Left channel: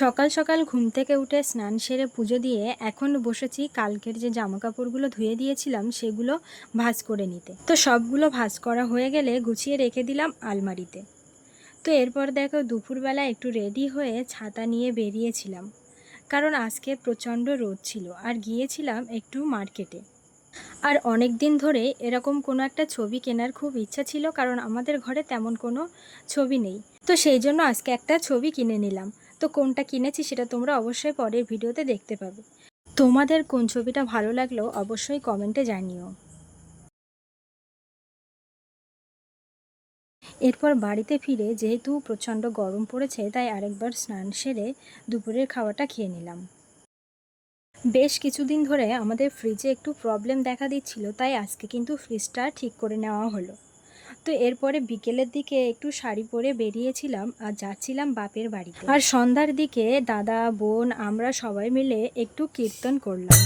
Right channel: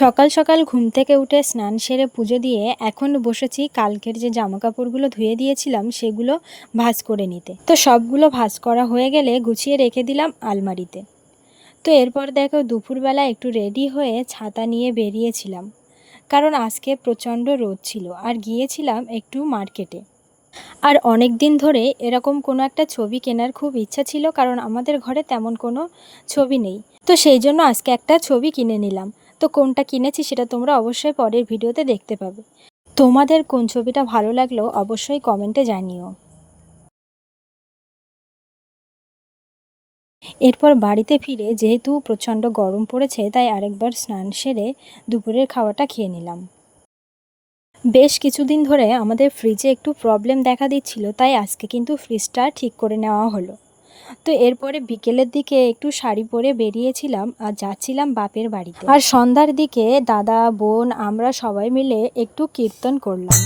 সকাল সকাল ঘুম থেকে উঠে স্নান সেরে পুজো দিয়ে এখন বসেছি কালকের যে জামা কাপড়গুলো ধুয়ে দিয়েছিলাম সেগুলো ভাঁজ করে নিতে। তো সবগুলো ভাঁজ করা হয়ে গেলে গুছিয়ে রেখে দিলাম আলমারিতে। তো এরপর দেখো দুপুরবেলা একটু রেডি হয়ে ছাতা নিয়ে বেরিয়েছিলাম, কারণ আজকে প্রচণ্ড রোদ ছিল আর গিয়েছিলাম একটু মার্কেটে। আর অনেক দিন ধরে এরকম কোনো একটা ছবি কেনার খুব ইচ্ছা ছিল, কারণ আমাদের ঘরে তেমন কোনো ছবি নেই। তো সেই জন্য আজকে একটা ছবি কিনে নিলাম। তো কোনটা কিনেছি সেটা তোমরা অবশ্যই পরের ভিডিওতে দেখতে পাবে। তোমাদের কোন ছবিটা ভালো লাগলো অবশ্যই কমেন্টে জানিও। এরপর বাড়িতে ফিরে যেহেতু প্রচণ্ড গরম পড়েছে, তাই আরেকবার স্নান সেরে দুপুরের খাওয়াটা খেয়ে নিলাম। বেশ কিছুদিন ধরে আমাদের ফ্রিজে একটু প্রবলেম দেখা দিচ্ছিল, তাই আজকে কিন্তু ফ্রিজটা ঠিক করে নেওয়া হলো। তো এরপরে বিকেলের দিকে একটু শাড়ি পরে বেরিয়েছিলাম আর যাচ্ছিলাম বাপের বাড়িতে। আর সন্ধ্যার দিকে দাদা বোন আমরা সবাই মিলে একটু কীর্তন করলাম।